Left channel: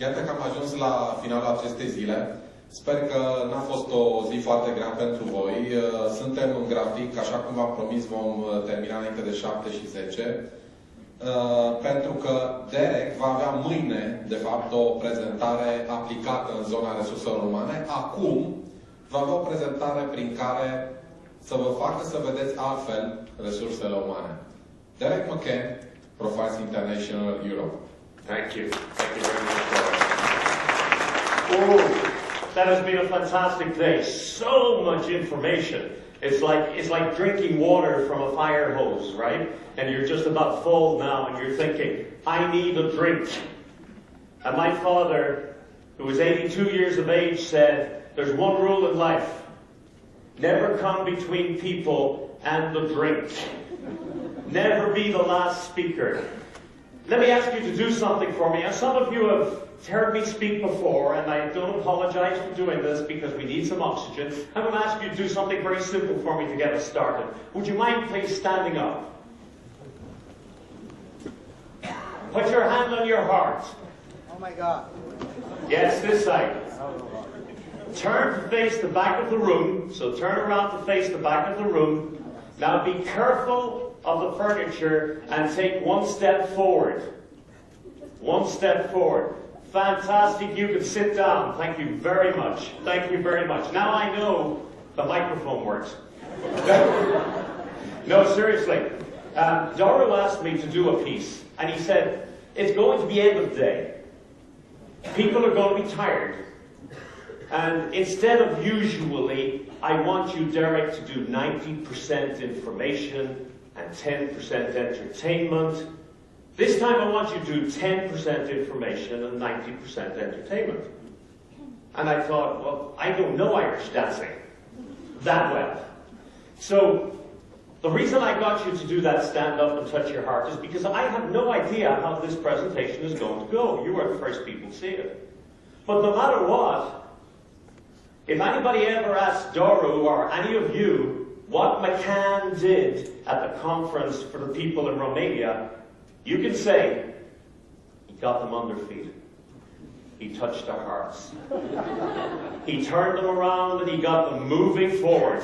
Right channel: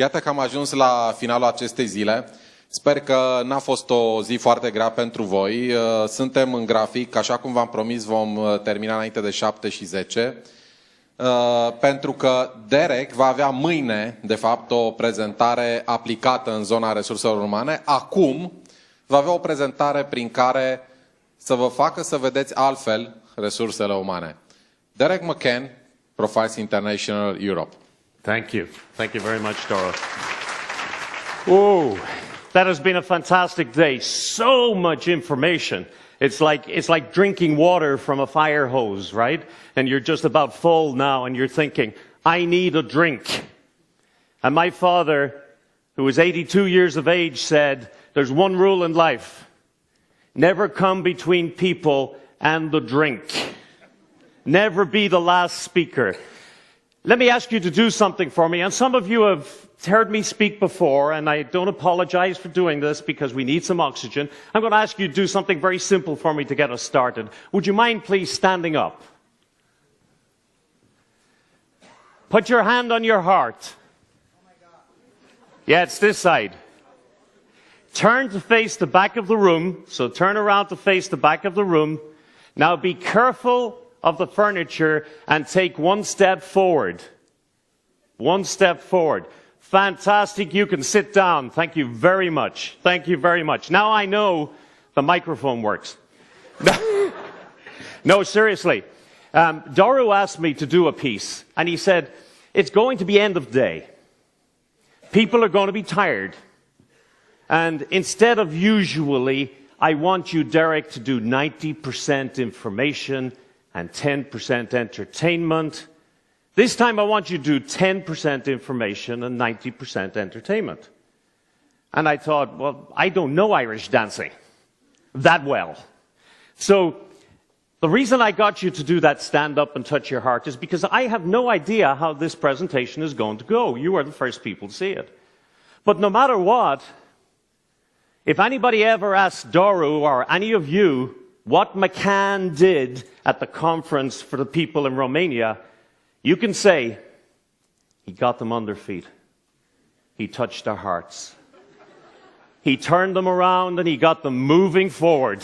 Iată că am ajuns la finalul acestei zile. Sper că n-a fost o zi foarte grea pentru voi. Suntem în grafic, așa cum v-am promis, vom termina înainte de 7:10. Pentru că Deiric va avea mâine, de fapt, o prezentare aplicată în zona resurselor umane. Acum va avea o prezentare prin care să vă facă să vedeți altfel resursele umane. Deiric McCann, Profiles International Europe. Thank you. Thank you very much, Dora. Oh, that has been a fantastic day. So much information. It's like drinking water from a fire hose, right? And you're just about full now, and you're thinking, I need a drink. And my father, who was 82 years of age, said, there's one rule in life. Never come between people and the drink. Never be the last speaker. Let me ask you to do something for me. And some of you have heard me speak before, and I don't apologize for doing this because we need some oxygen. I'm going to ask you to do something very simple for me to get us started. Would you mind please standing up? Put your hand on your heart. Oh my God. Yeah, it's this side. Turn to face the back of the room. So turn around to face the back of the room. Now be careful of the furniture and take one step forward. One step forward. Fantastic. You can sit down. Thank you very much. Thank you very much. Now I know the microphone works. No, seriously. Doru asked me to do a piece, and he said, it's going to be end of day. People are going to be tired. And instead of usually, I want you, Deiric, to do 90% information and 10% entertainment. This time I want you to do 10% information and 90% entertainment. And I thought, well, I don't know Irish dancing that well. So the reason I got you to do that stand up and touch your heart is because I have no idea how this presentation is going to go. You are the first people to see it. But no matter what, if anybody ever asks Doru or any of you what McCann did at the conference for the people in Romania, you can say, he got them on their feet. He touched their hearts. He turned them around and he got them moving forward.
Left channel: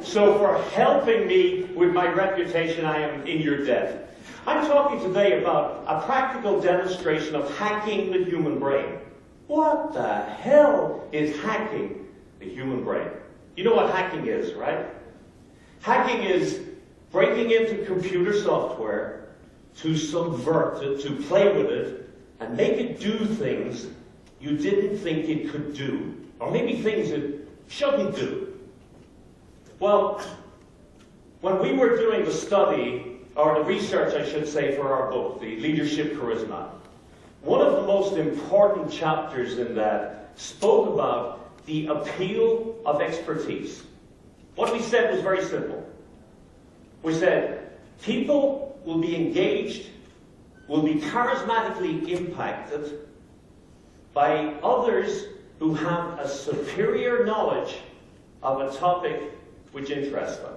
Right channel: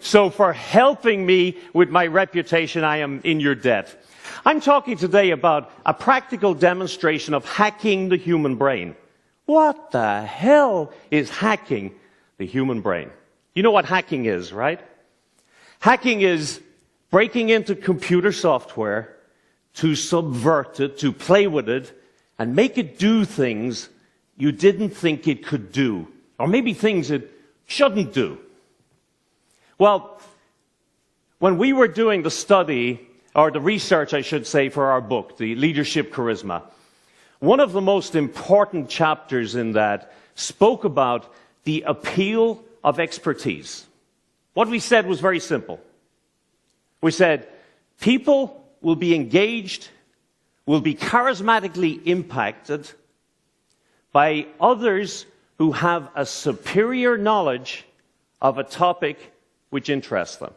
So for helping me with my reputation, I am in your debt. I'm talking today about a practical demonstration of hacking the human brain. What the hell is hacking the human brain? You know what hacking is, right? Hacking is breaking into computer software to subvert it, to play with it, and make it do things you didn't think it could do, or maybe things it shouldn't do. Well, when we were doing the study, or the research, I should say, for our book, The Leadership Charisma, one of the most important chapters in that spoke about the appeal of expertise. What we said was very simple. We said, people will be engaged, will be charismatically impacted by others who have a superior knowledge of a topic which interests them.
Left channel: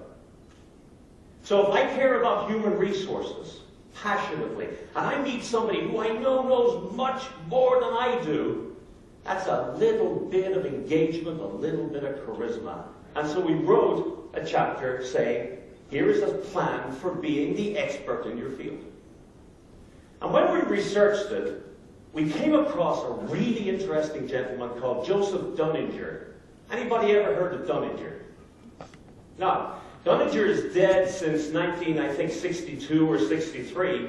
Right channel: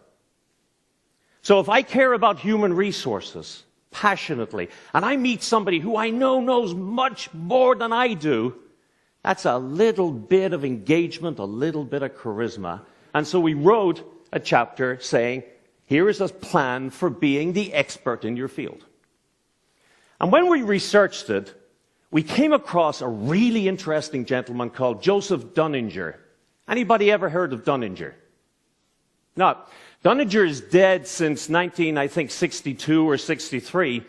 So if I care about human resources passionately, and I meet somebody who I know knows much more than I do, that's a little bit of engagement, a little bit of charisma. And so we wrote a chapter saying, here is a plan for being the expert in your field. And when we researched it, we came across a really interesting gentleman called Joseph Dunninger. Anybody ever heard of Dunninger? No. Dunninger is dead since 1962 or 63.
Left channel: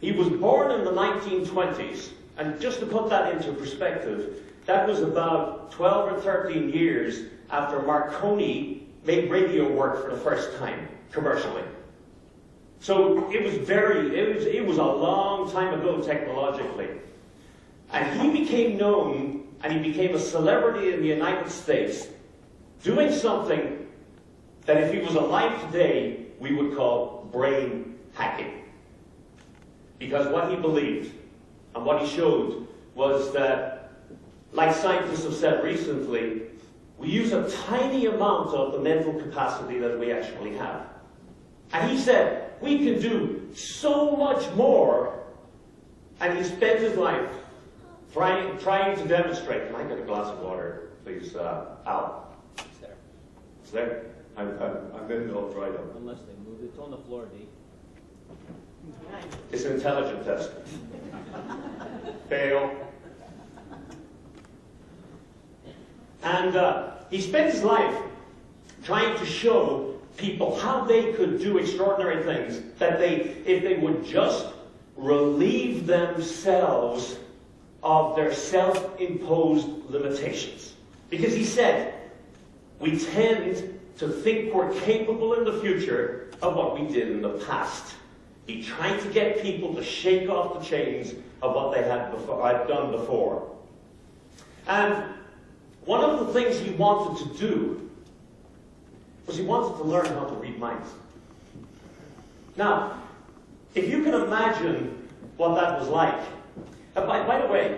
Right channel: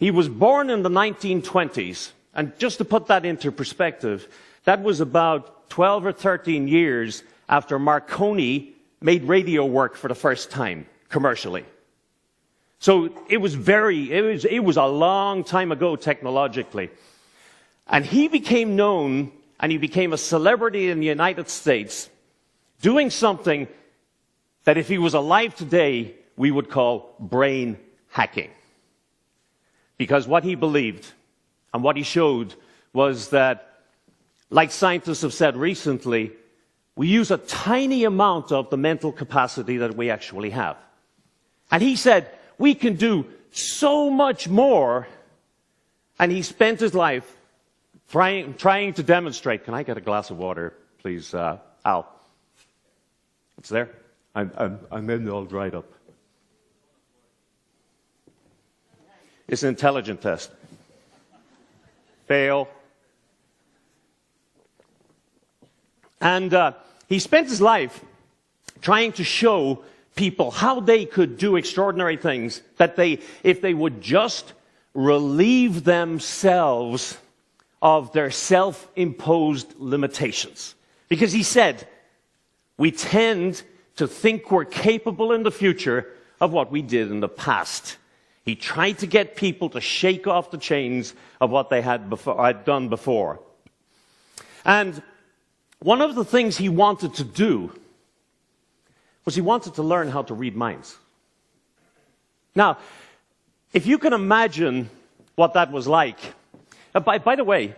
He was born in the 1920s. And just to put that into perspective, that was about 12 or 13 years after Marconi made radio work for the first time, commercially. So it was a long time ago technologically. And he became known, and he became a celebrity in the United States, doing something that if he was alive today, we would call brain hacking. Because what he believed and what he showed was that, like scientists have said recently, we use a tiny amount of the mental capacity that we actually have. And he said, we can do so much more, and he spent his life trying to demonstrate. Can I get a glass of water, please, Al? It's there. I'm in all dried up. Unless they move it. It's on the floor, D. It's an intelligent test. Fail. And he spent his life trying to show people how they could do extraordinary things, that if they would just relieve themselves of their self-imposed limitations. Because he said, we tend to think we're capable in the future of what we did in the past. He tried to get people to shake off the chains of what they had done before. And one of the things he wanted to do was he wanted to learn how to read minds. Now, if you can imagine what that was like, by the way,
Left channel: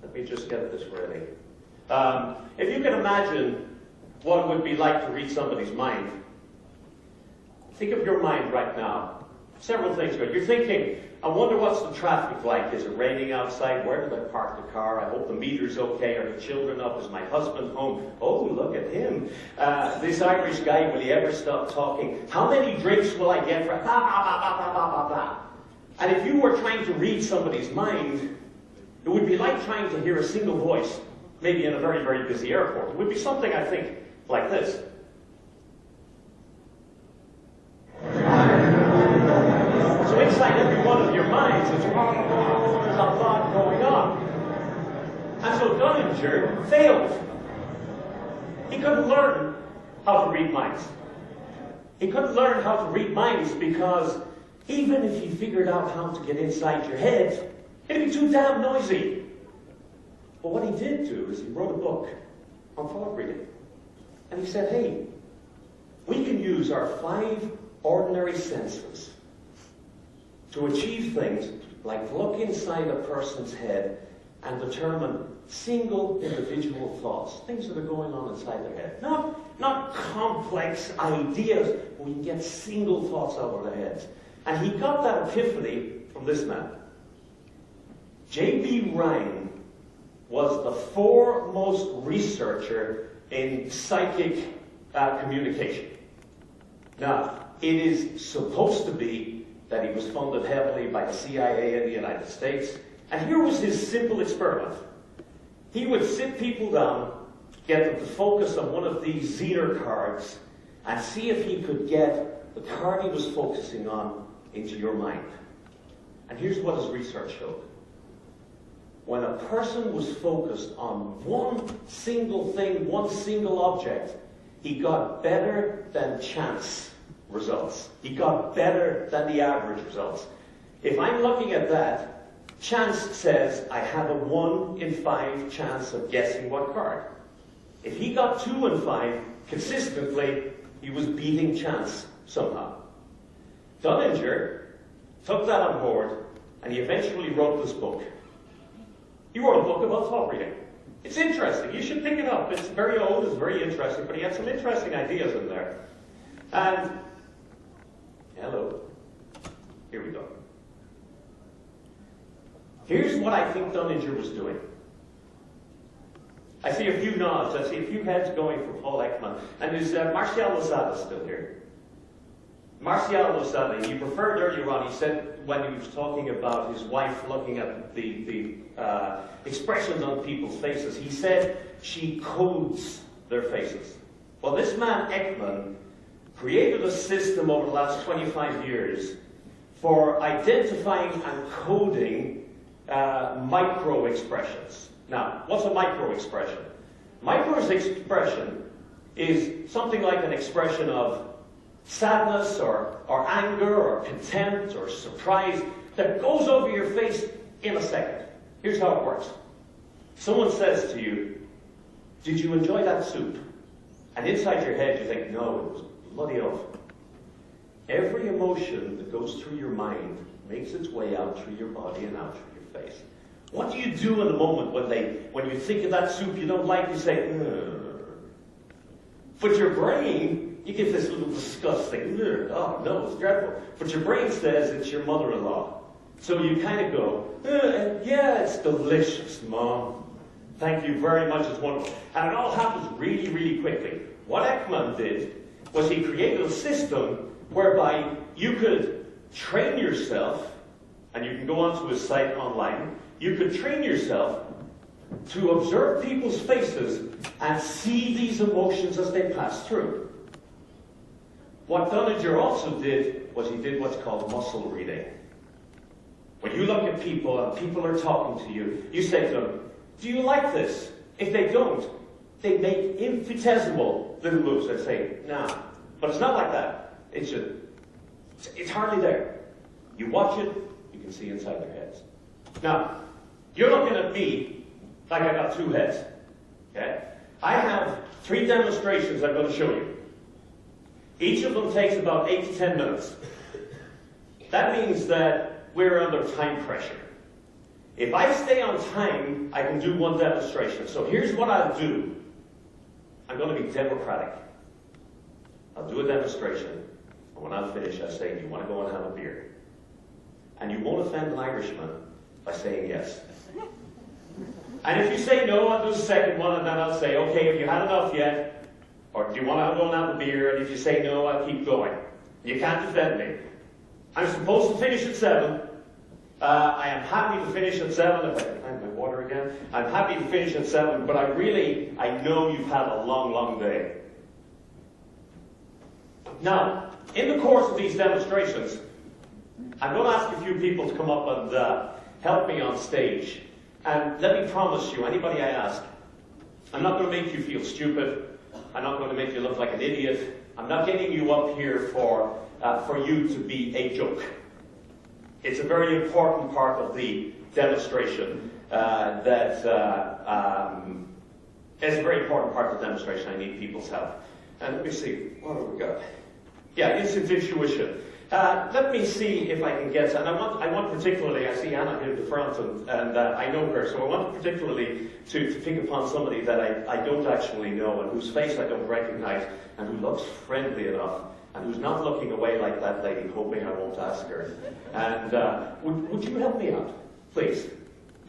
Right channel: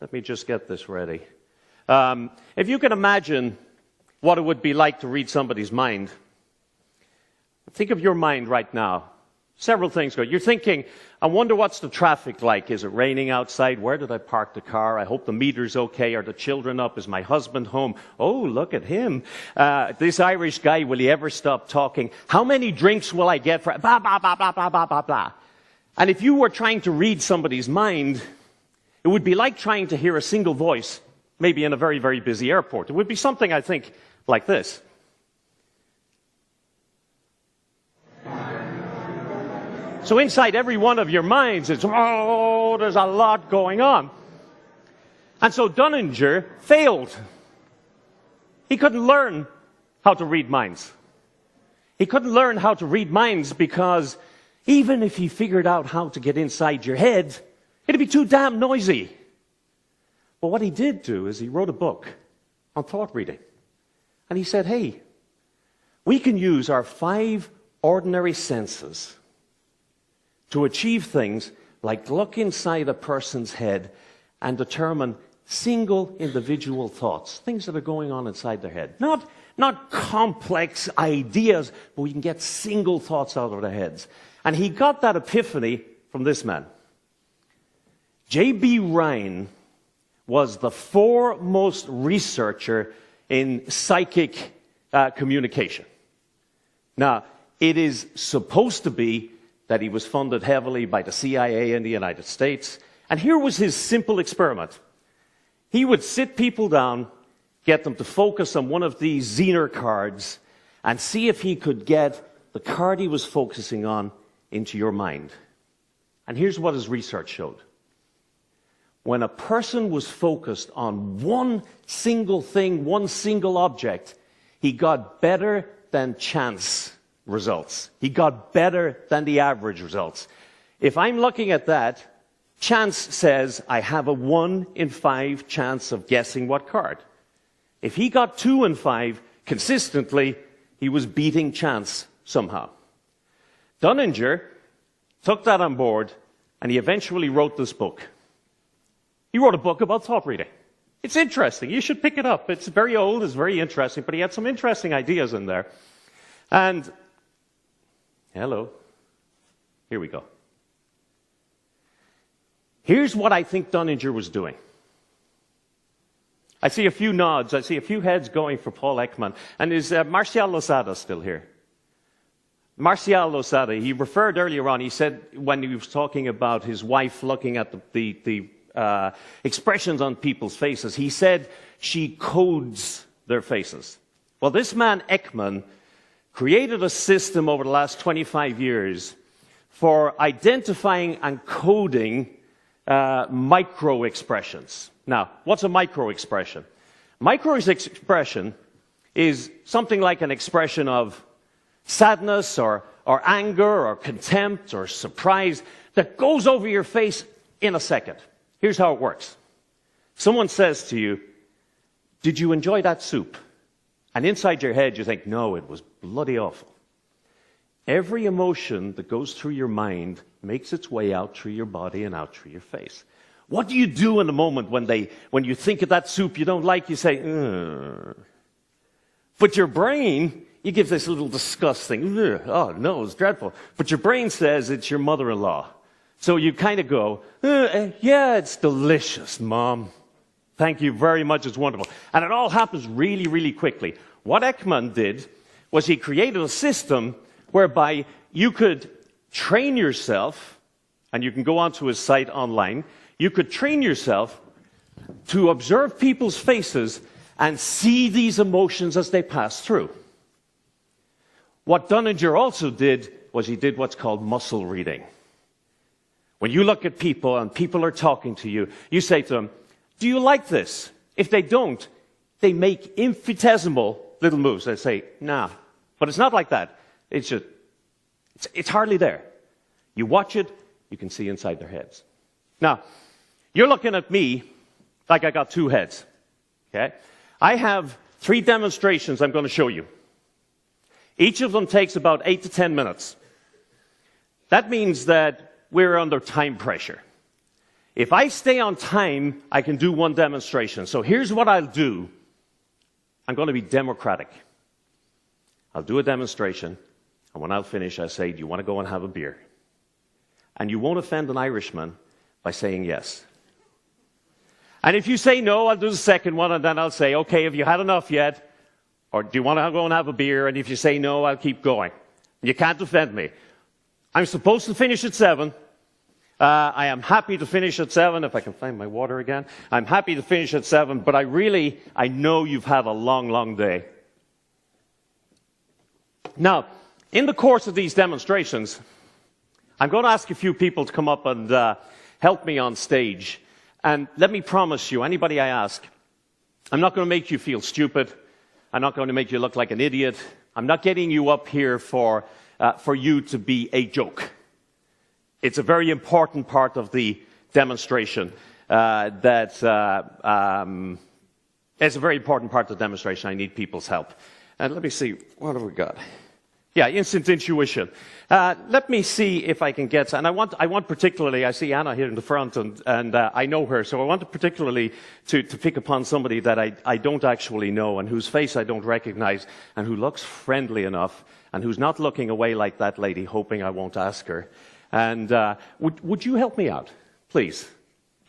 let me just get this ready. If you can imagine what it would be like to read somebody's mind, think of your mind right now. Several things going. You're thinking, I wonder what's the traffic like. Is it raining outside? Where did I park the car? I hope the meter's okay. Are the children up? Is my husband home? Oh, look at him. This Irish guy, will he ever stop talking? How many drinks will I get for... Blah, blah, blah, blah, blah, blah, blah, blah. And if you were trying to read somebody's mind, it would be like trying to hear a single voice, maybe in a very, very busy airport. It would be something, I think, like this. So inside every one of your minds, it's, oh, there's a lot going on. And so Dunninger failed. He couldn't learn how to read minds. He couldn't learn how to read minds because even if he figured out how to get inside your head, it'd be too damn noisy. But what he did do is he wrote a book on thought reading. And he said, hey, we can use our 5 ordinary senses to achieve things like look inside a person's head and determine single individual thoughts, things that are going on inside their head. Not complex ideas, but we can get single thoughts out of their heads. And he got that epiphany from this man. J.B. Ryan was the foremost researcher in psychic communication. Now, it is supposed to be that he was funded heavily by the CIA in the United States. And here was his simple experiment. He would sit people down, get them to focus on one of these Zener cards, and see if he could get the card he was focusing on into your mind. And here's what his research showed. When a person was focused on one single thing, one single object, he got better than chance results. He got better than the average results. If I'm looking at that, chance says I have a 1 in 5 chance of guessing what card. If he got 2 in 5 consistently, he was beating chance somehow. Dunninger took that on board and he eventually wrote this book. He wrote a book about thought reading. It's interesting. You should pick it up. It's very old, it's very interesting, but he had some interesting ideas in there. And hello. Here we go. Here's what I think Dunninger was doing. I see a few nods. I see a few heads going for Paul Ekman. And is Martial Losada still here? Martial Losada, he referred earlier on, he said when he was talking about his wife looking at the expressions on people's faces, he said she codes their faces. Well, this man Ekman created a system over the last 25 years for identifying and coding micro-expressions. Now, what's a micro-expression? Micro-expression is something like an expression of sadness or anger or contempt or surprise that goes over your face in a second. Here's how it works. Someone says to you, "Did you enjoy that soup?" And inside your head you think, "No, it was bloody awful." Every emotion that goes through your mind makes its way out through your body and out through your face. What do you do in the moment when you think of that soup you don't like? You say, "Ugh." But your brain, you give this little disgust thing. "Ugh. Oh no, it's dreadful." But your brain says it's your mother-in-law. So you kind of go, yeah, it's delicious, Mom. Thank you very much, it's wonderful. And it all happens really, really quickly. What Ekman did was he created a system whereby you could train yourself, and you can go onto his site online, you could train yourself to observe people's faces and see these emotions as they pass through. What Dunninger also did was he did what's called muscle reading. When you look at people and people are talking to you, you say to them, do you like this? If they don't, they make infinitesimal little moves. They say, nah. But it's not like that. It's just, it's hardly there. You watch it, you can see inside their heads. Now, you're looking at me like I got two heads. Okay? I have 3 demonstrations I'm going to show you. Each of them takes about 8 to 10 minutes. That means that we're under time pressure. If I stay on time, I can do 1 demonstration. So here's what I'll do. I'm going to be democratic. I'll do a demonstration, and when I'll finish, I say, do you want to go and have a beer? And you won't offend an Irishman by saying yes. And if you say no, I'll do the second one, and then I'll say, okay, have you had enough yet? Or do you want to go and have a beer? And if you say no, I'll keep going. You can't offend me. I'm supposed to finish at 7. I am happy to finish at 7, if I can find my water again. I'm happy to finish at 7, but I know you've had a long, long day. Now, in the course of these demonstrations, I'm going to ask a few people to come up and help me on stage. And let me promise you, anybody I ask, I'm not going to make you feel stupid. I'm not going to make you look like an idiot. I'm not getting you up here for you to be a joke. It's a very important part of the demonstration. It's a very important part of the demonstration. I need people's help. And let me see, what have we got? Yeah, instant intuition. Let me see if I can get, and I want particularly, I see Anna here in the front, and I know her, so I want particularly to pick upon somebody that I don't actually know, and whose face I don't recognize, and who looks friendly enough, and who's not looking away like that lady, hoping I won't ask her. And would you help me out, please?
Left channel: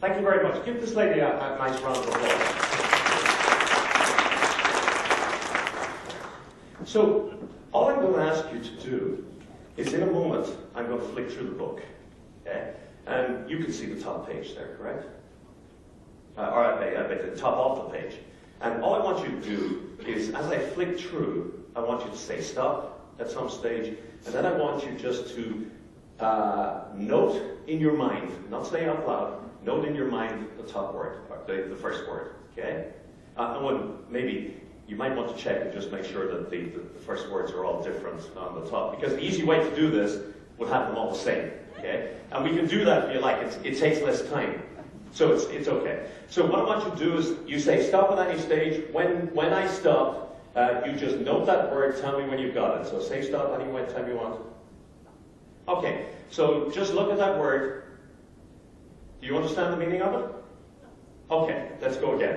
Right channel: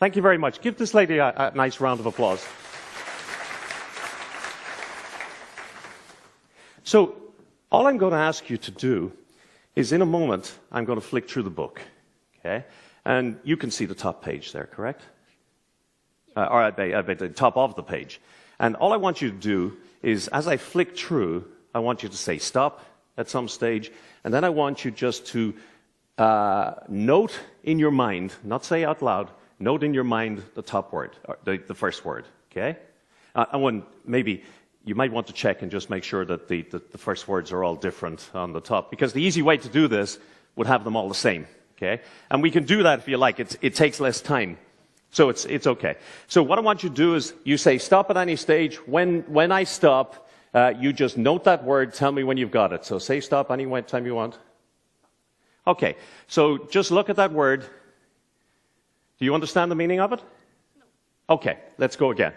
Thank you very much. Give this lady a nice round of applause. So, all I'm going to ask you to do is, in a moment, I'm going to flick through the book, okay? And you can see the top page there, correct? Or I bet the top of the page. And all I want you to do is, as I flick through, I want you to say stop at some stage, and then I want you just to note in your mind, not say out loud, note in your mind the top word, or the first word, okay? And maybe you might want to check and just make sure that the first words are all different on the top, because the easy way to do this would have them all the same, okay? And we can do that if you like. It takes less time, so it's okay. So what I want you to do is you say stop at any stage. When I stop, you just note that word, tell me when you've got it. So say stop any time you want. Okay, so just look at that word. Do you understand the meaning of it? Okay, let's go again.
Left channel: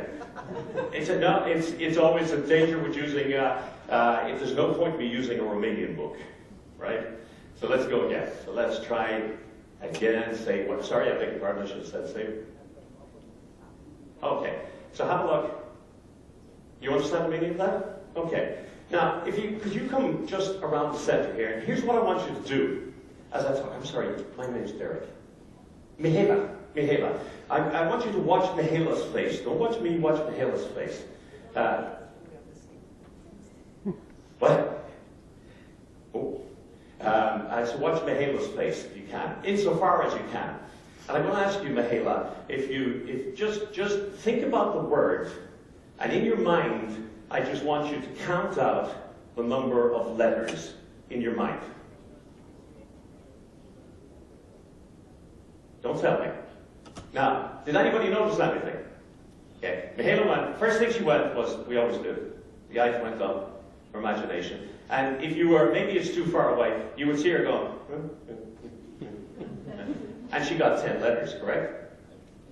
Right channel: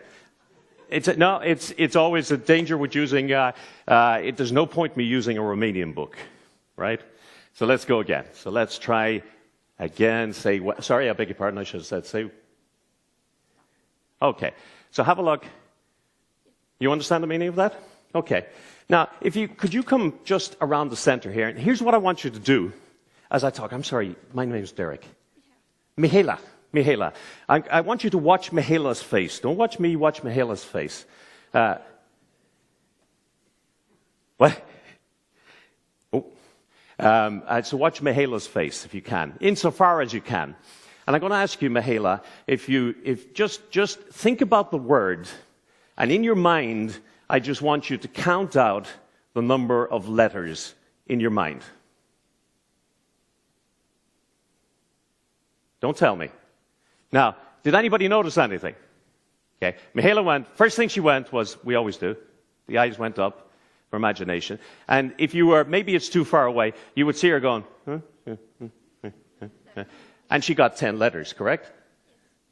It's always a danger with using, there's no point me using a Romanian book, right? So let's go again. So let's try again, sorry, I beg your pardon, I should have said, okay, so have a look. You understand the meaning of that? Okay. Now, could you come just around the center here, and here's what I want you to do as I talk. I'm sorry, my name's Deiric. Mihaela. I want you to watch Mihaela's face. Don't watch me, watch Mihaela's face. What? Oh. So watch Mihaela's face if you can, insofar as you can. And I'm going to ask you, Mihaela, if just think about the word, and in your mind, I just want you to count out the number of letters in your mind. Don't tell me. Now, did anybody notice anything? Okay, Mihaela went, first thing she went was, we always do, the eyes went up, her imagination. And if you were, maybe it's too far away, you would see her going, and she got 10 letters, correct?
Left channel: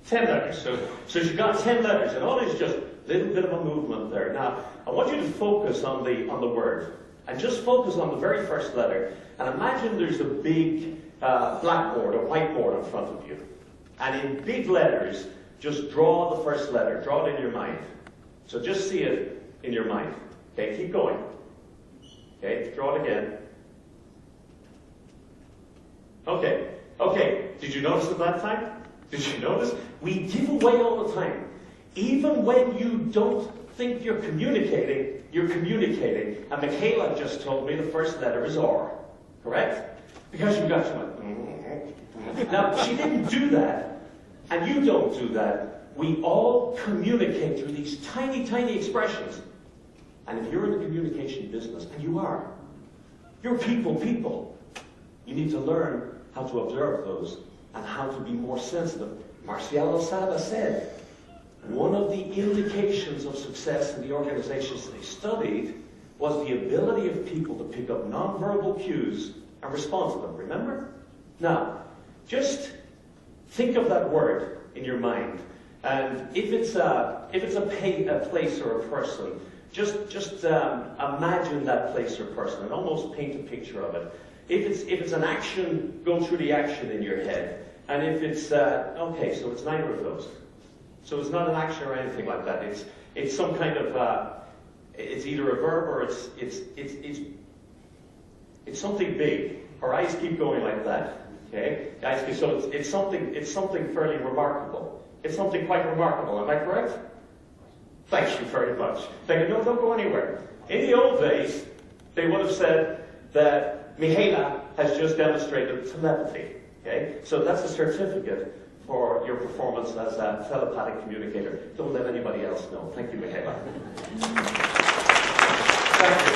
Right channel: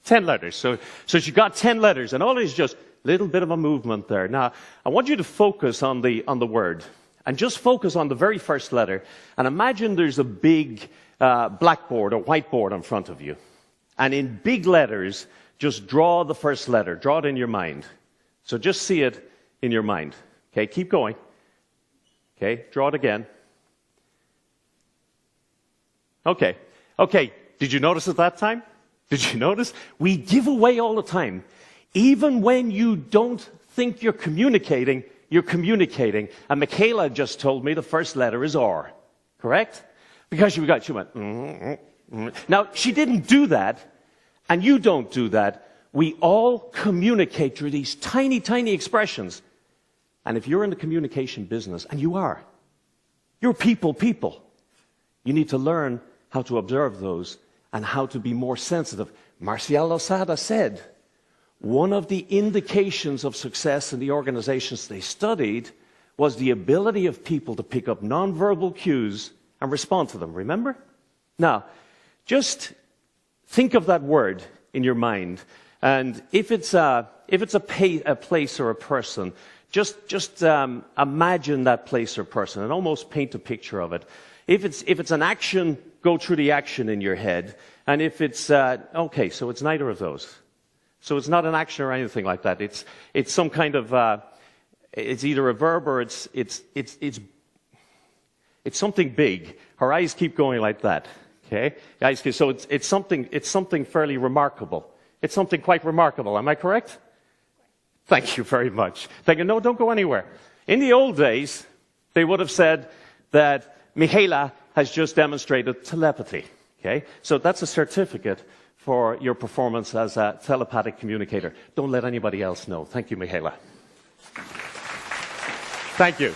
10 letters. So she got 10 letters, and all is just a little bit of a movement there. Now, I want you to focus on the word, and just focus on the very first letter, and imagine there's a big blackboard or whiteboard in front of you. And in big letters, just draw the first letter. Draw it in your mind. So just see it in your mind. Okay, keep going. Okay, draw it again. Okay, did you notice at that time? Did you notice? We give away all the time. Even when you don't think you're communicating, you're communicating. And Michaela just told me the first letter is R. Correct? Because she went, Now, she didn't do that, and you don't do that. We all communicate through these tiny, tiny expressions. And if you're in the communication business, and you are, you're people, you need to learn how to observe those and how to be more sensitive. Marcial Losada said, one of the indications of success in the organizations they studied was the ability of people to pick up nonverbal cues and respond to them. Remember? Now, just think of that word in your mind, and if it's a place or a person, just imagine that place or person and almost paint a picture of it. If it's an action, go through the action in your head, and if it's okay, so it's neither of those. So it's not an action or anything like that. It's some kind of it's either a verb or it's something big. Her eyes keep going like that. Okay, guys. So it's something fairly remarkable. It's something quite remarkable. Am I correct? Thank you very much. Thank you. No, don't go anywhere. In the old days, they would have said that Michaela has just demonstrated telepathy. Okay, so that's a certificate for your performance as a telepathic communicator. Don't let anybody else know. Thank you, Michaela. Thank you.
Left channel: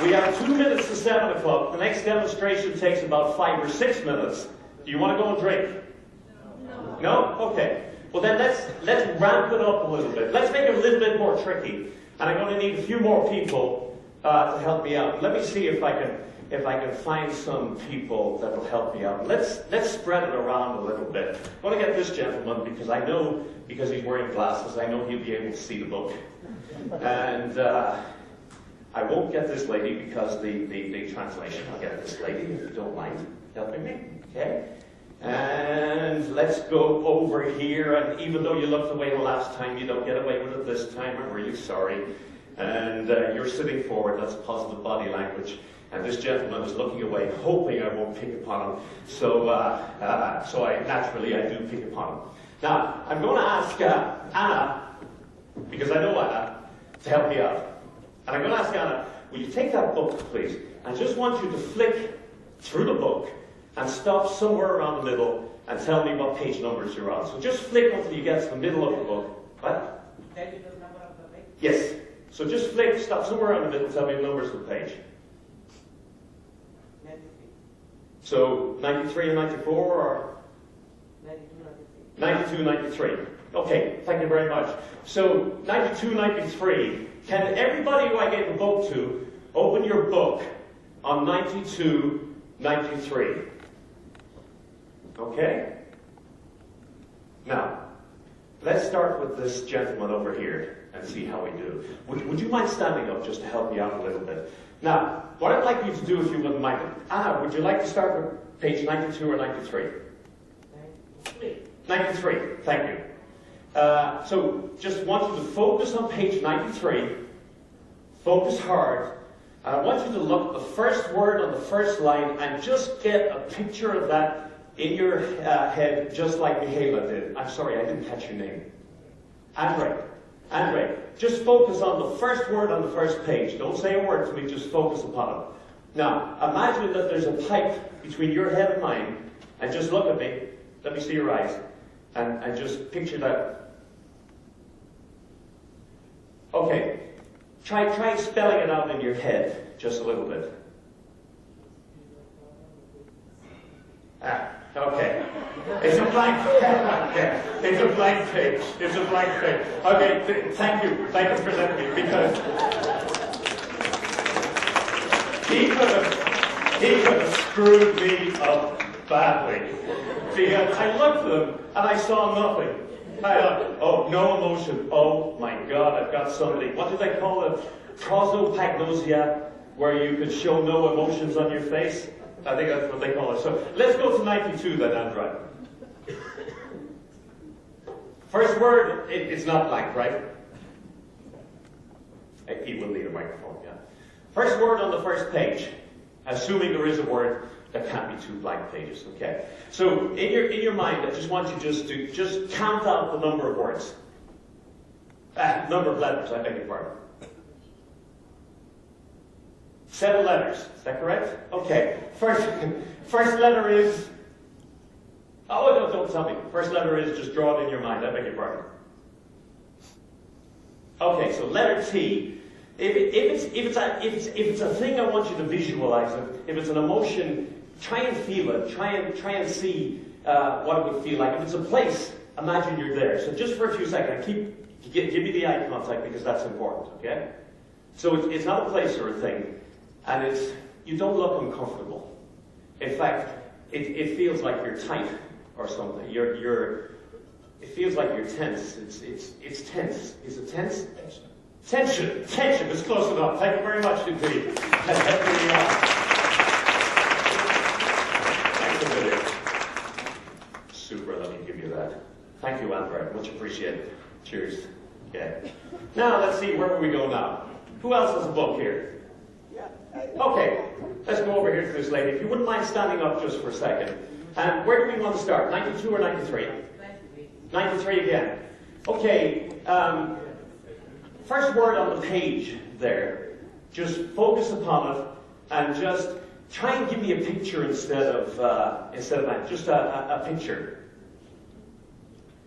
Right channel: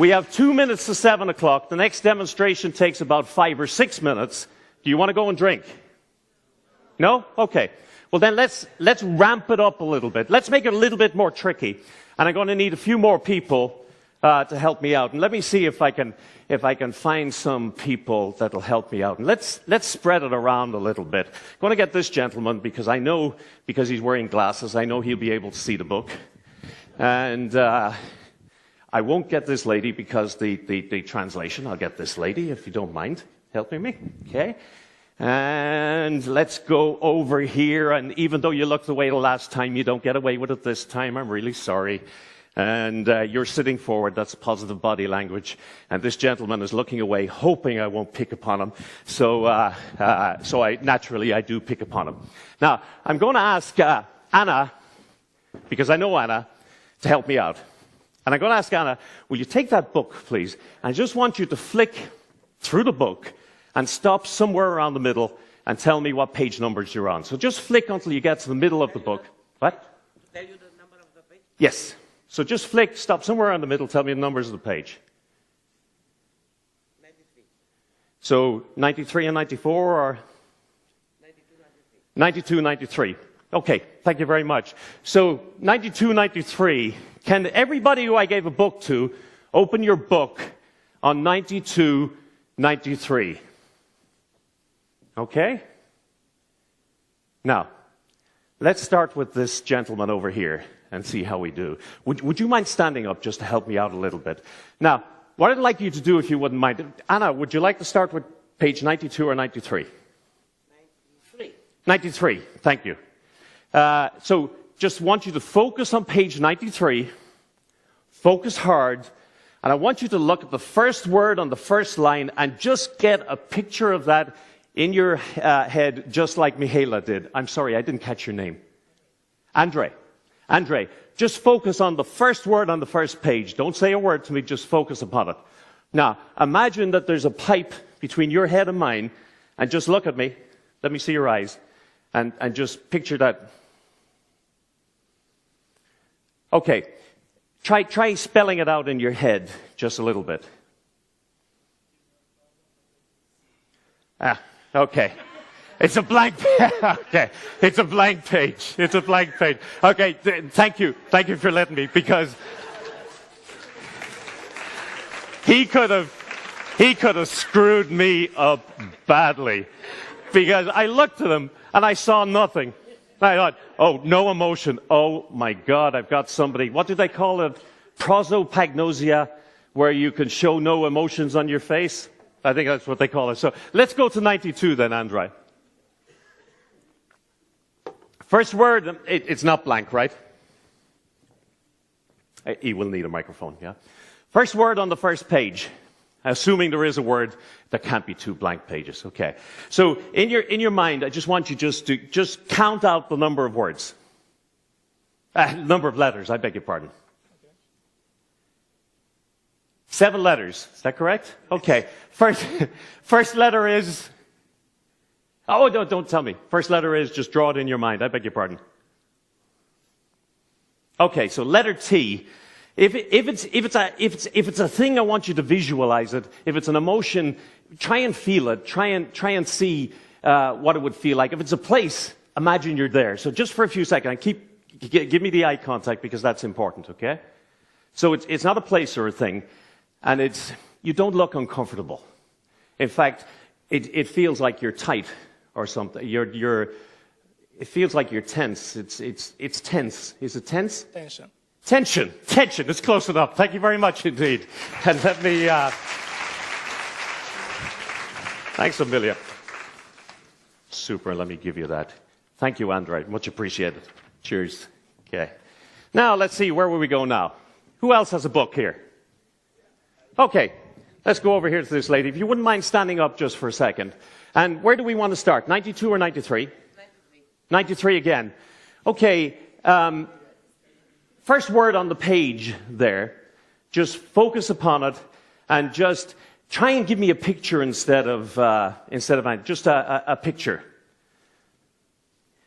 We have 2 minutes to 7 o'clock. The next demonstration takes about 5 or 6 minutes. Do you want to go and drink? No? Okay. Well, then let's ramp it up a little bit. Let's make it a little bit more tricky. And I'm going to need a few more people to help me out. And let me see if I can find some people that will help me out. And let's spread it around a little bit. I'm going to get this gentleman because I know, because he's wearing glasses, I know he'll be able to see the book. And I won't get this lady because the translation. I'll get this lady, if you don't mind helping me. Okay? And let's go over here. And even though you looked away the last time, you don't get away with it this time. I'm really sorry. And you're sitting forward. That's positive body language. And this gentleman is looking away, hoping I won't pick upon him. So I do pick upon him. Now, I'm going to ask Anna, because I know Anna, to help me out. And I'm going to ask Anna, will you take that book, please? I just want you to flick through the book and stop somewhere around the middle and tell me what page numbers you're on. So just flick until you get to the middle of the book. What? Yes. So just flick, stop somewhere around the middle, tell me the numbers of the page. 93. So 93 and 94 or? 92, 93. Okay, thank you very much. So 92, 93. Can everybody who I gave a book to open your book on 92, 93? Okay? Now, let's start with this gentleman over here and see how we do. Would you mind standing up just to help me out a little bit? Now, what I'd like you to do, if you wouldn't mind, Anna, would you like to start with page 92 or 93? 93, thank you. So just want you to focus on page 93, focus hard, and I want you to look at the first word on the first line and just get a picture of that in your head, just like Michaela did. I'm sorry, I didn't catch your name. Andre, just focus on the first word on the first page. Don't say a word to me, just focus upon it. Now, imagine that there's a pipe between your head and mine, and just look at me. Let me see your eyes. And just picture that. Okay, try spelling it out in your head just a little bit. Okay. It's a blank okay. It's a blank page. It's a blank page. Okay, thank you. Thank you for letting me, because he could have screwed me up badly. Because I looked at him and I saw nothing. I thought, oh, no emotion. Oh my God, I've got somebody. What do they call it? Prosopagnosia, where you could show no emotions on your face. I think that's what they call it. So let's go to 92 then, Android. First word, it's not blank, right? You will need a microphone, yeah? First word on the first page, assuming there is a word, there can't be 2 blank pages, okay? So in your mind, I just want you to count out the number of words. Number of letters, I beg your pardon. 7 letters, is that correct? Okay, first letter is... Oh, don't tell me. First letter is, just draw it in your mind, I beg your pardon. Okay, so letter T. If it's a thing, I want you to visualize it. If it's an emotion, try and feel it. Try and see what it would feel like. If it's a place, imagine you're there. So just for a few seconds, give me the eye contact because that's important. Okay. So it's not a place or a thing, and you don't look uncomfortable. In fact, it feels like you're tight or something. It feels like you're tense. It's tense. Is it tense? Tension. Tension. It's close enough. Thank you very much indeed. And let me... Thanks a million. Super. Let me give you that. Thank you, Andre. Much appreciated. Cheers. Okay. Now, let's see. Where will we go now? Who else has a book here? Okay. Let's go over here to this lady. If you wouldn't mind standing up just for a second. And where do we want to start? 92 or 93? 93 again. Okay. First word on the page there. Just focus upon it and just try and give me a picture instead of mine. Just a picture.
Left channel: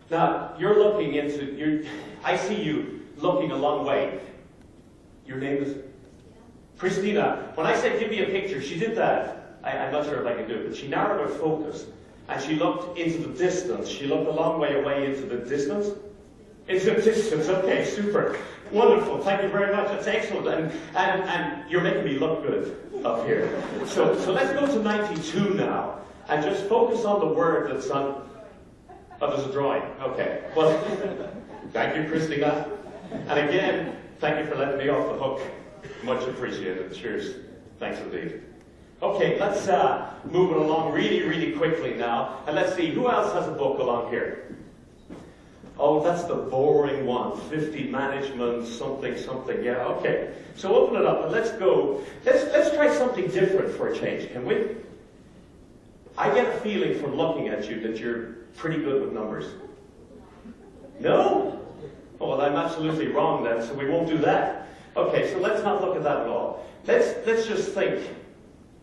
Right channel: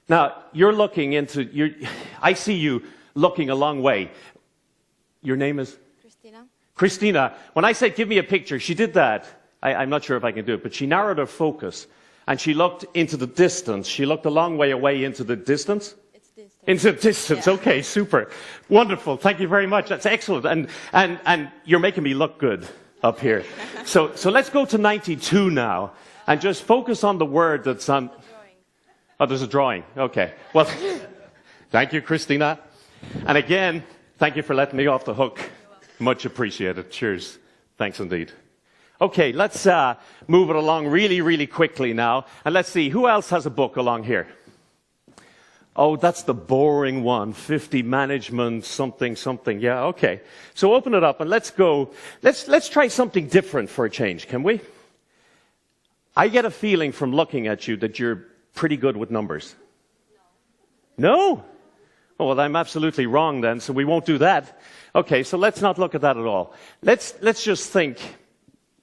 Now, you're looking into... I see you looking a long way. Your name is? Christina. When I said give me a picture, she did that. I'm not sure if I can do it, but she narrowed her focus and she looked into the distance. She looked a long way away into the distance. Into the distance. Yeah. Okay, super. Wonderful. Thank you very much. That's excellent. And you're making me look good up here. So let's go to 92 now and just focus on the word that's on... Oh, there's a drawing. Okay. Well, thank you, Christina. And again, thank you for letting me off the hook. Much appreciated. Cheers. Thanks indeed. Okay, let's move it along really, really quickly now. And let's see, who else has a book along here? Oh, that's the boring one. 50 management, something. Yeah, okay. So open it up and let's go. Let's try something different for a change, can we? I get a feeling from looking at you that you're pretty good with numbers. No? Oh, well, I'm absolutely wrong then, so we won't do that. Okay, so let's not look at that at all. Let's just think.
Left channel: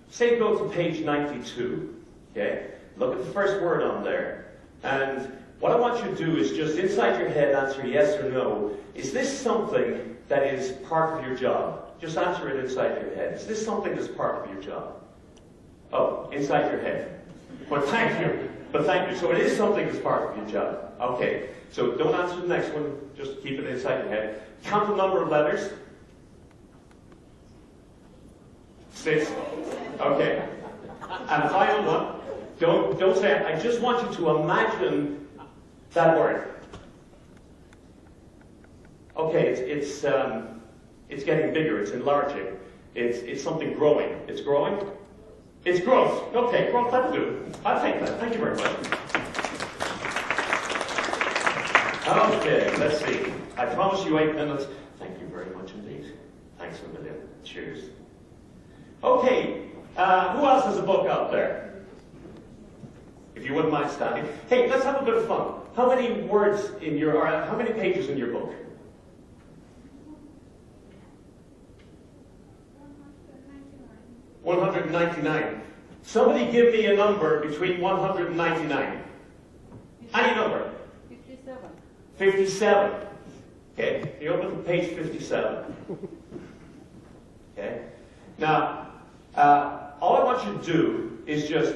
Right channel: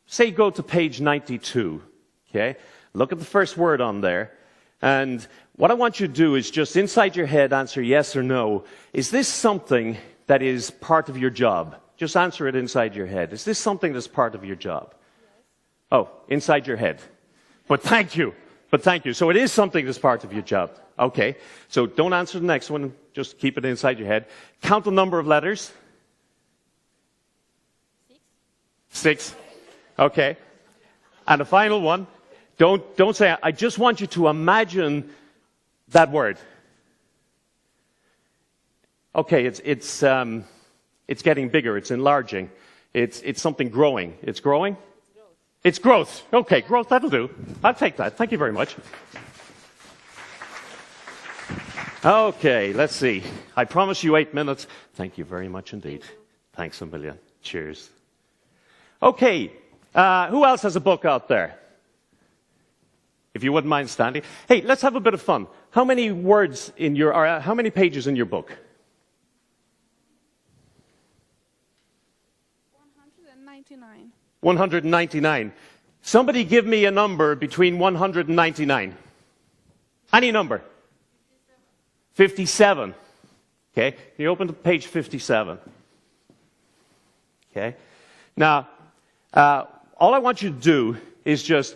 Say go to page 92. Okay? Look at the first word on there. And what I want you to do is just inside your head answer yes or no. Is this something that is part of your job? Just answer it inside your head. Is this something that's part of your job? Oh, inside your head. But thank you. So it is something that's part of your job. Okay. So don't answer the next one. Just keep it inside your head. Count the number of letters. 6. Okay. And the final one. Don't say it. I just want you to imagine that word. Okay, it's getting bigger. It's enlarging. It's something growing. It's growing. It's growth. Okay, growth. That'll do. I'll take that. Thank you very much. Okay, let's see. I promise you 8 minutes. Thank you very much indeed. Thanks a million. Cheers. Okay, who else has a book out there? If you wouldn't mind standing. Hey, let's have a bit of fun. How many words in your, or how many pages in your book? 199. Somebody give me a number between 199. Any number. 57. Okay, you open to page 57. Okay. Now, all I want you to do is just,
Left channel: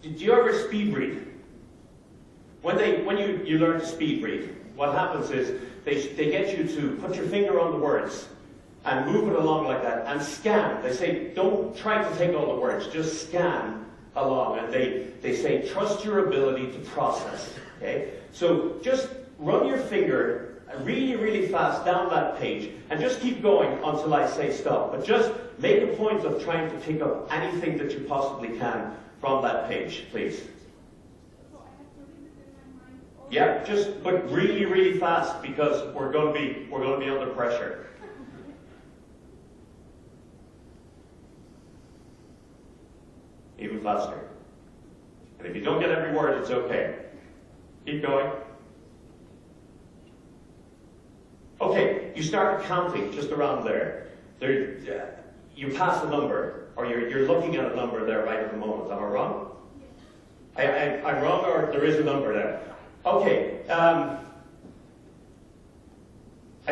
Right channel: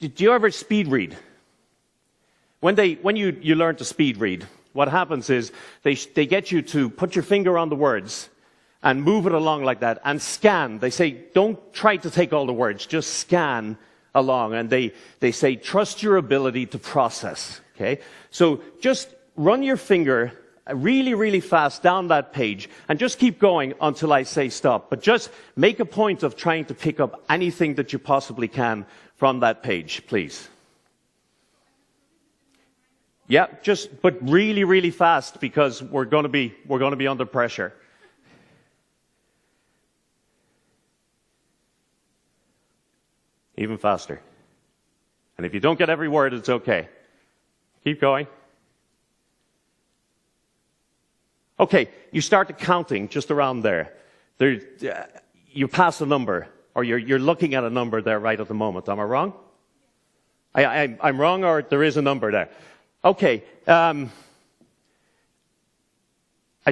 do you ever speed read? When you learn to speed read, what happens is they get you to put your finger on the words and move it along like that and scan. They say, don't try to take all the words, just scan along. And they say, trust your ability to process. Okay? So just run your finger really, really fast down that page, and just keep going until I say stop. But just make a point of trying to pick up anything that you possibly can from that page, please. Yeah, but really, really fast, because we're going to be under pressure. Even faster. And if you don't get every word, it's okay. Keep going. Okay, you start counting just around there. You pass a number, or you're looking at a number there right at the moment. Am I wrong? I'm wrong, or there is a number there. Okay, I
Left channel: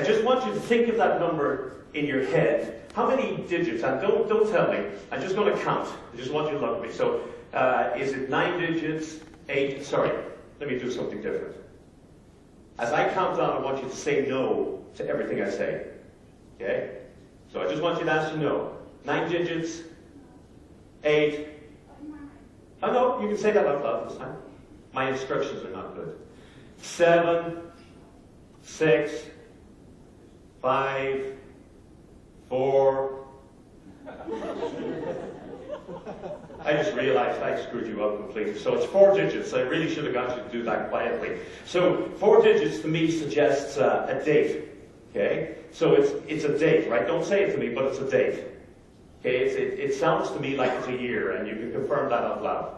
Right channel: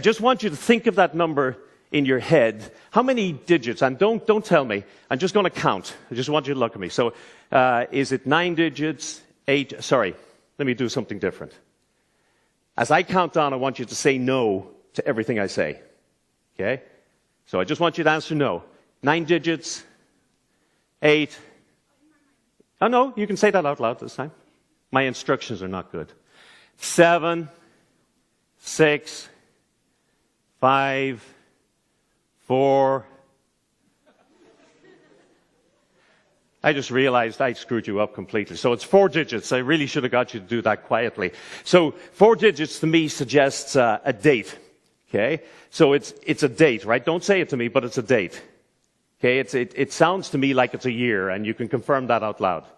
just want you to think of that number in your head. How many digits? And don't tell me. I'm just going to count. I just want you to look at me. So, is it 9 digits? 8? Sorry, let me do something different. As I count down, I want you to say no to everything I say. Okay? So I just want you to answer no. 9 digits? 8? Oh, no, you can say that out loud this time. My instructions are not good. 7, 6, 5, 4. I just realized I screwed you up completely. So it's 4 digits. I really should have got you to do that quietly. So 4 digits to me suggests a date. Okay? So it's a date, right? Don't say it to me, but it's a date. Okay? It sounds to me like it's a year, and you can confirm that out loud.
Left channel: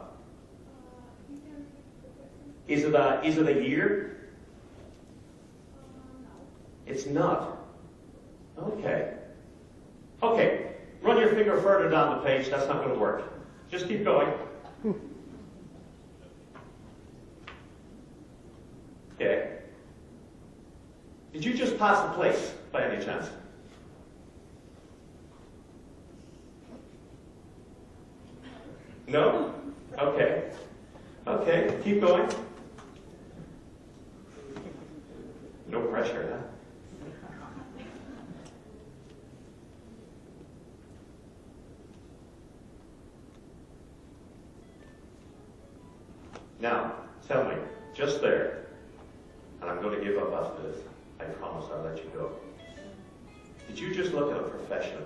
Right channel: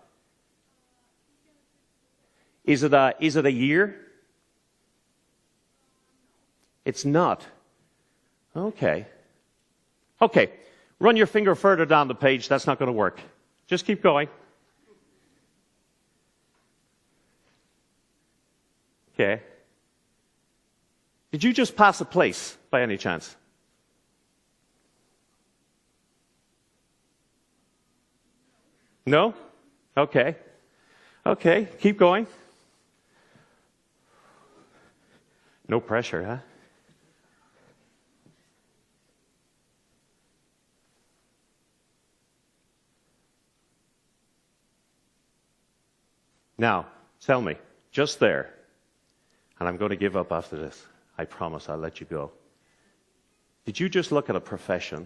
Is it a year? It's not. Okay. Okay. Run your finger further down the page. That's not going to work. Just keep going. Okay. Did you just pass a place by any chance? No? Okay. Okay. Keep going. No pressure, huh? Now, tell me, just there, and I'm going to give up after this. I promise I'll let you go. Did you just look at a profession,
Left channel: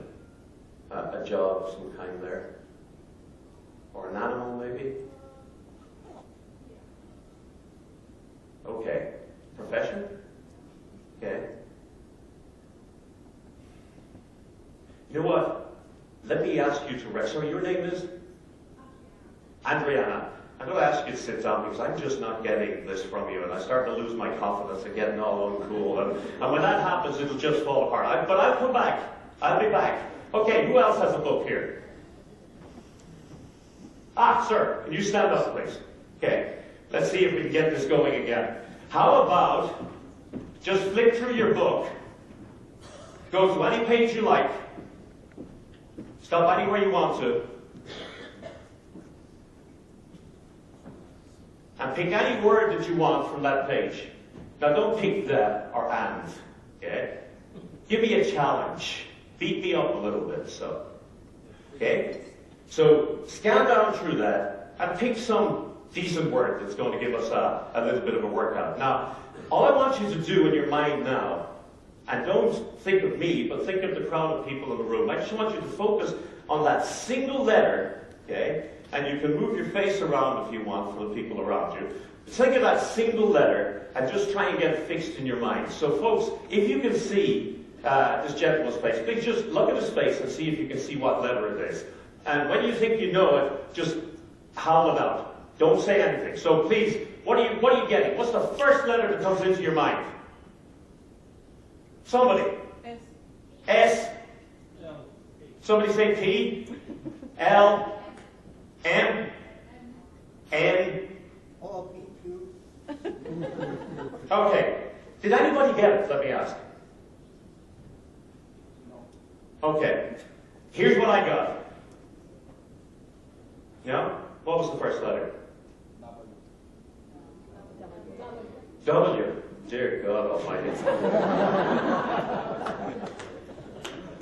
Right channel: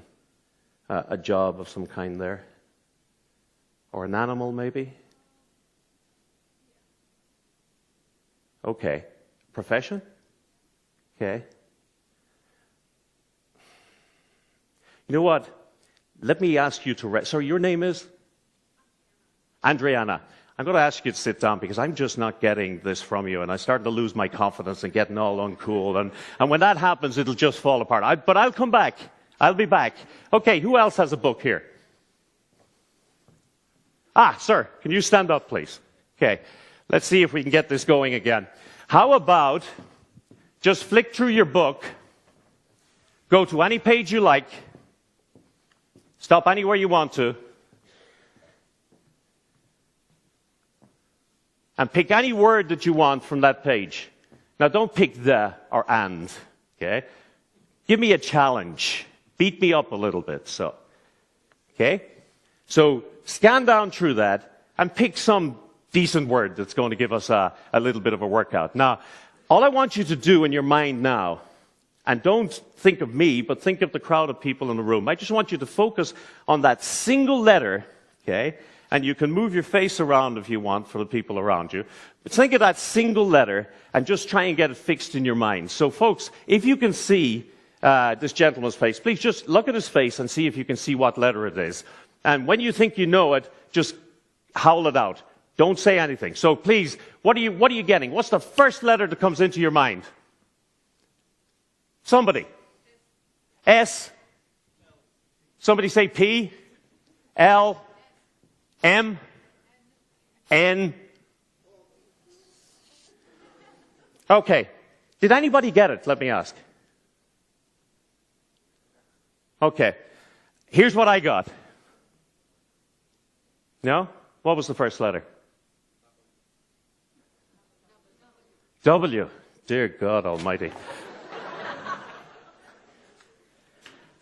a job of some kind there? Or an animal, maybe? Okay. Profession? Okay. You know what? Let me ask you to rest. So your name is? Adriana. I'm going to ask you to sit down because I'm just not getting this from you, and I start to lose my confidence and getting all uncool. And when that happens, it'll just fall apart. But I'll come back. I'll be back. Okay, who else has a book here? Ah, sir, can you stand up, please? Okay, let's see if we can get this going again. How about just flick through your book, go to any page you like, stop anywhere you want to, and pick any word that you want from that page. Now, don't pick the or and, okay? Give me a challenge. Beat me up a little bit, so. Okay? So, scan down through that and pick some decent word that's going to give us a little bit of a workout. Now, all I want you to do in your mind now, and don't think of me, but think of the crowd of people in the room. I just want you to focus on that single letter, okay? And you can move your face around if you want for the people around you. But think of that single letter and just try and get it fixed in your mind. So folks, if you can see this gentleman's face, please just look at his face and see if you can see what letter it is. And when you think you know it, just howl it out. Don't say anything. So please, what are you getting? What's the first letter that comes into your mind? Somebody. S. Somebody say P. L. M. N. Okay. Did anybody get it? Let me ask. Okay. Here's what I got. No? What was the first letter? W. Dear God Almighty.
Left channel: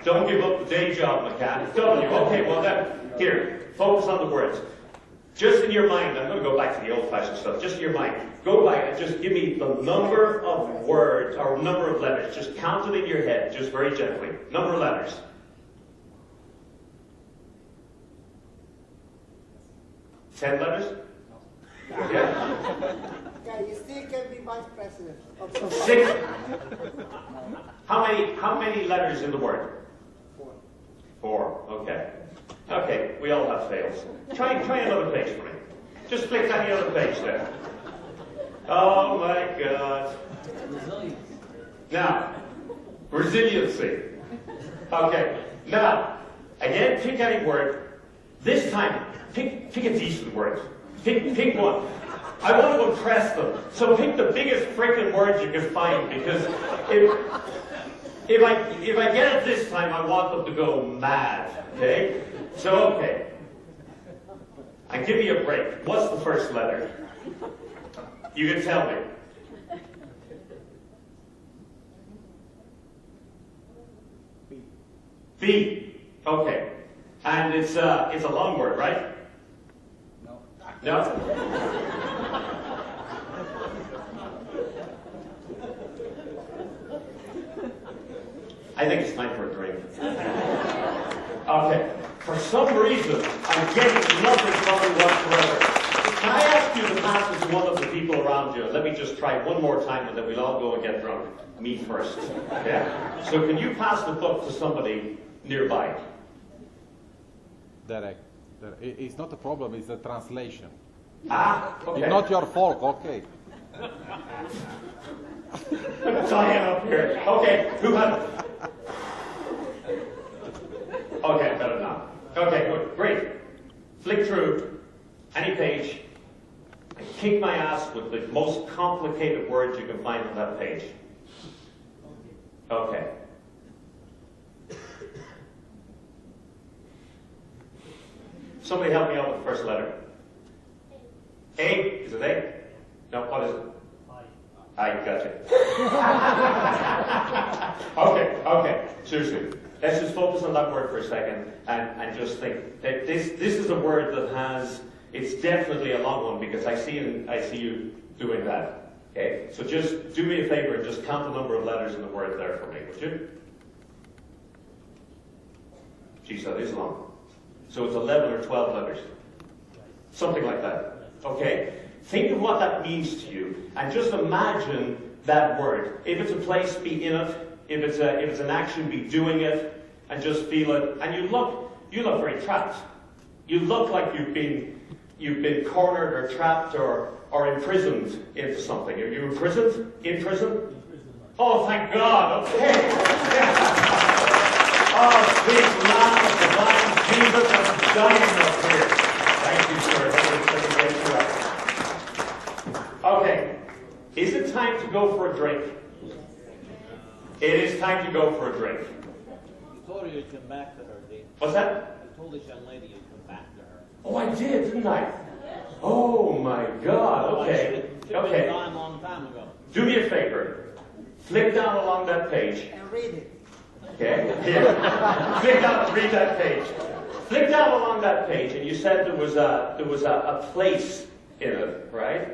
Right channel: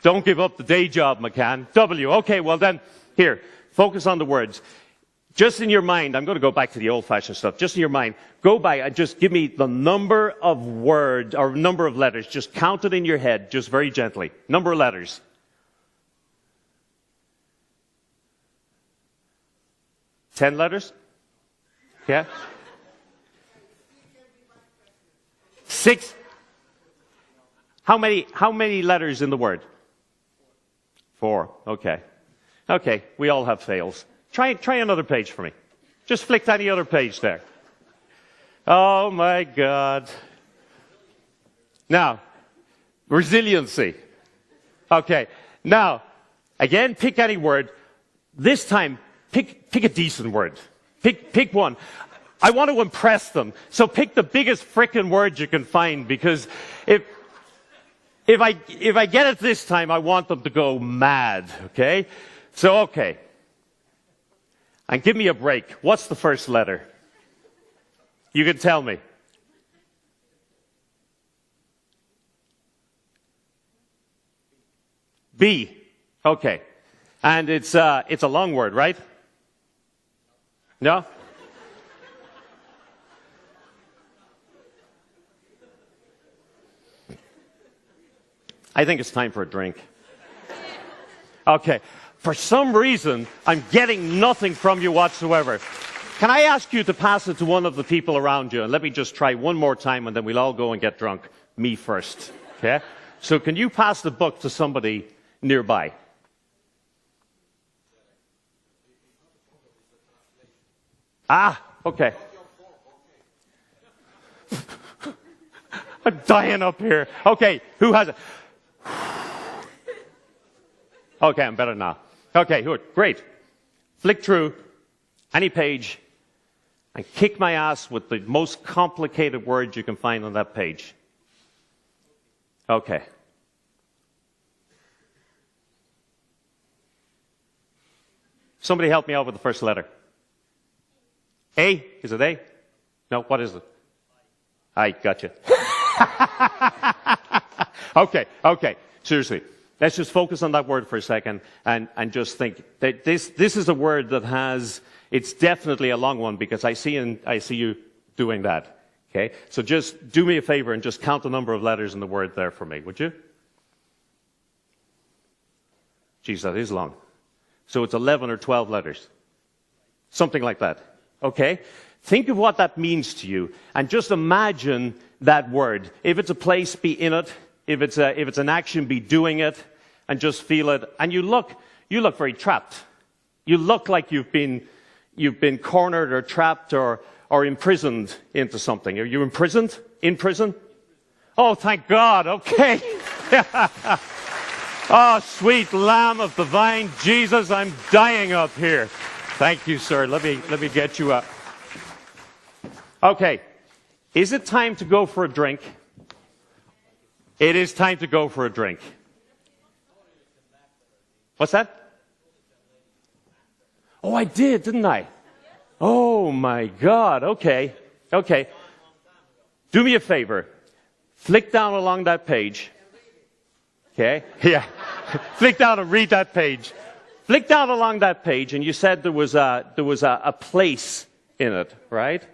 Don't give up the day job, McCann. W. Okay, well then, here, focus on the words. Just in your mind, I'm going to go back to the old-fashioned stuff. Just in your mind, go by and just give me the number of words or number of letters. Just count it in your head, just very gently. Number of letters. 10 letters? Yeah. You still can be vice president. 6. How many letters in the word? 4. Okay. Okay, we all have fails. Try another page for me. Just flick that the other page there. Oh my God. Now, resiliency. Okay. Now, again, pick any word. This time, pick a decent word. Pick one. I want to impress them. So pick the biggest frickin' word you can find, because if I get it this time, I want them to go mad. Okay? So okay. And give me a break. What's the first letter? You can tell me. B. Okay. And it's a long word, right? No? I think it's time for a drink. Okay. For some reason, I'm getting nothing from you whatsoever. Can I ask you to pass it to one of the people around you? And let me just try one more time, and then we'll all go and get drunk. Me first. Okay? So can you pass the book to somebody nearby? Derek, it's not a problem, it's a translation. Ah, okay. It's not your fault, okay. I'm dying up here. Okay, who had... Okay, I'm better now. Okay, good, great. Flick through any page and kick my ass with the most complicated words you can find on that page. Okay. Somebody help me out with the first letter. A? Is it A? No, what is it? I gotcha. Okay. Seriously. Let's just focus on that word for a second and just think that this is a word that has, it's definitely a long one, because I see you doing that. Okay? So just do me a favor and just count the number of letters in the word there for me, would you? Geez, that is long. So it's 11 or 12 letters. Something like that. Okay? Think of what that means to you, and just imagine that word. If it's a place, be in it. If it's an action, be doing it, and just feel it. And you look very trapped. You look like you've been cornered or trapped or imprisoned into something. Are you imprisoned? In prison? Oh, thank God. Okay. Oh, sweet Lamb of divine Jesus, I'm dying up here. Thank you, sir. Let me get you up. Okay. Is it time to go for a drink? It is time to go for a drink. You told her you'd come back to her, Dean. What's that? You told this young lady you'd come back to her. Oh, I did, didn't I? Oh, my God. Okay. Okay. Long time ago. Do me a favor. Flick down along that page. And read it. Okay? Yeah. Flick down and read that page. Flick down along that page, and you said there was a place in it, right?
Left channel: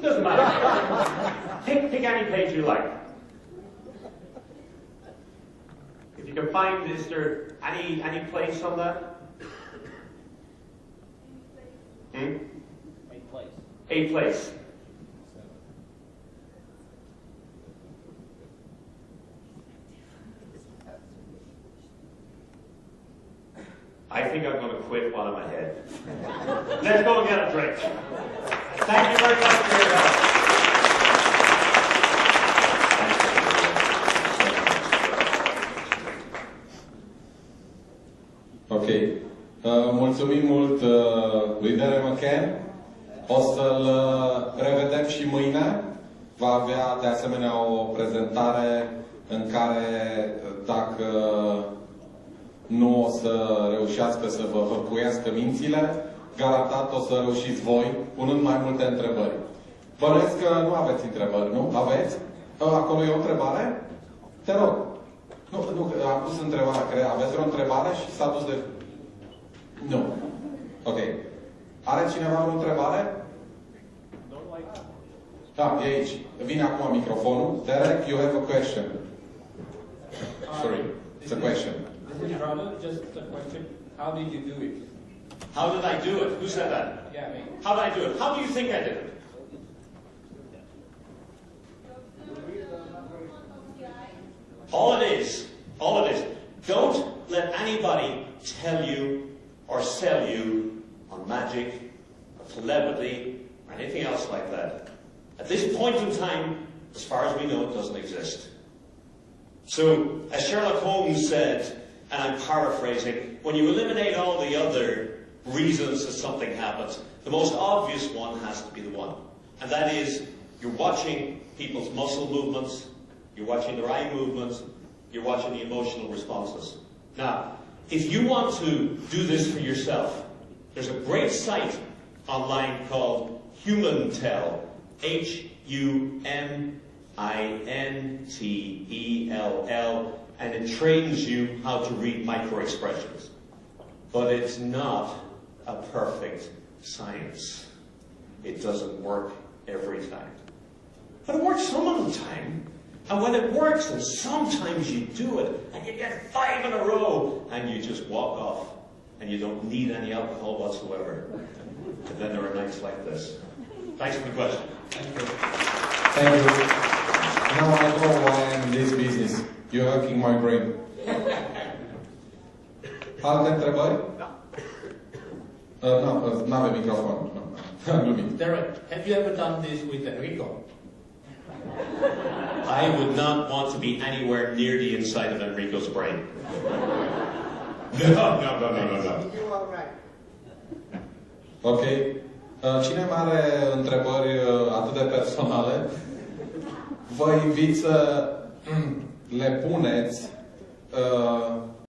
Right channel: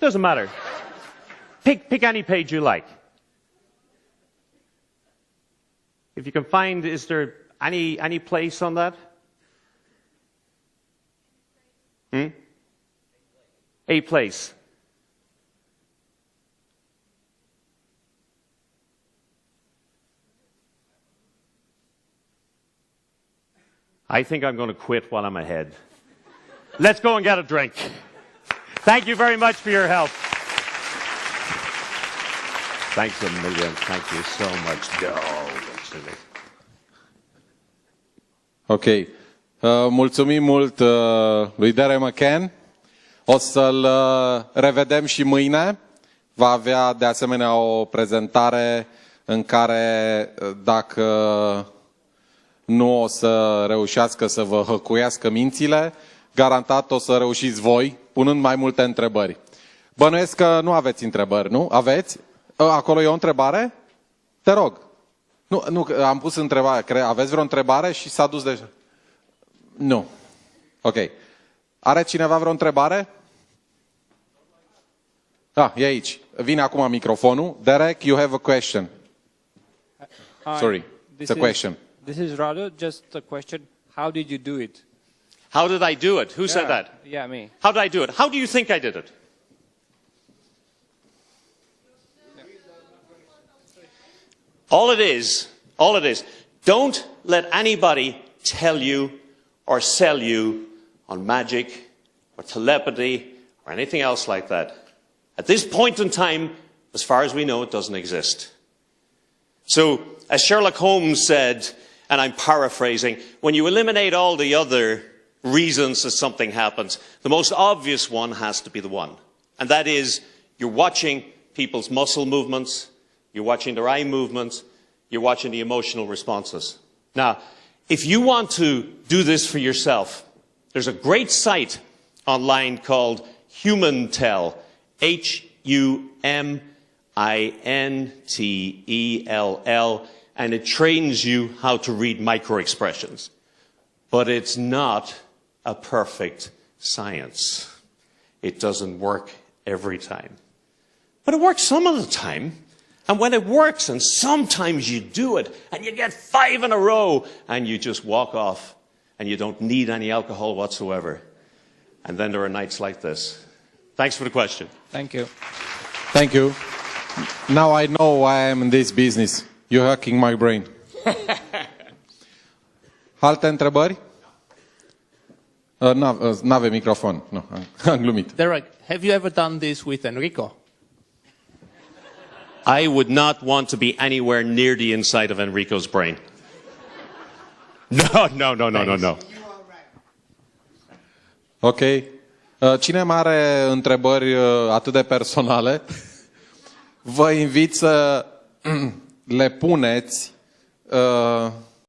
Doesn't matter. Pick any page you like. If you can find, is there any place on that? A place. A place. I think I'm going to quit while I'm ahead. Let's go and get a drink. Thank you very much for your help. Thanks, Amelia. Thank you so much. Ok. Mulțumim mult lui Deiric McCann. O să-l revedem și mâine. Va avea de asemenea o prezentare în care, dacă nu o să reușească să vă hăcuiască mințile, garantat o să reușiți voi, punând mai multe întrebări. Bănuiesc că nu aveți întrebări, nu? Aveți? Acolo e o întrebare? Te rog. Nu, am pus întrebarea. Aveți vreo întrebare și s-a dus de... Nu. Ok. Are cineva vreo întrebare? Da, e aici. Vine acum microfonul. Derek, you have a question. Sorry, it's a question. This is rather just a question. How did you do it? How did I do it? Who said that? Yeah, me. How did I do it? How do you think I did it? All it is, don't let anybody tell you or sell you on magic or telepathy or anything else like that. At this point in time, as far as we know, it doesn't exist. So, as Sherlock Holmes said, and I'm paraphrasing, when you eliminate all the other reasons that something happens, the most obvious one has to be the one. And that is, you're watching people's muscle movements, you're watching their eye movements, you're watching the emotional responses. Now, if you want to do this for yourself, there's a great site online called HumanTell, HuminTell, and it trains you how to read micro-expressions. But it's not a perfect science. It doesn't work every time. But it works some of the time. And when it works, and sometimes you do it, and you get 5 in a row, and you just walk off, and you don't need any alcohol whatsoever. And then there are nights like this. Thanks for the question. Thank you. Thank you. Now I know why I'm in this business. You're hacking my brain. Alte întrebări? N-avem microfon. Nu, am glumit. Derek, have you ever done this with Enrico? I would not want to be anywhere near the inside of Enrico's brain. No. You are right. Ok. Cine mai are întrebări atât de personale, vă invit să le puneți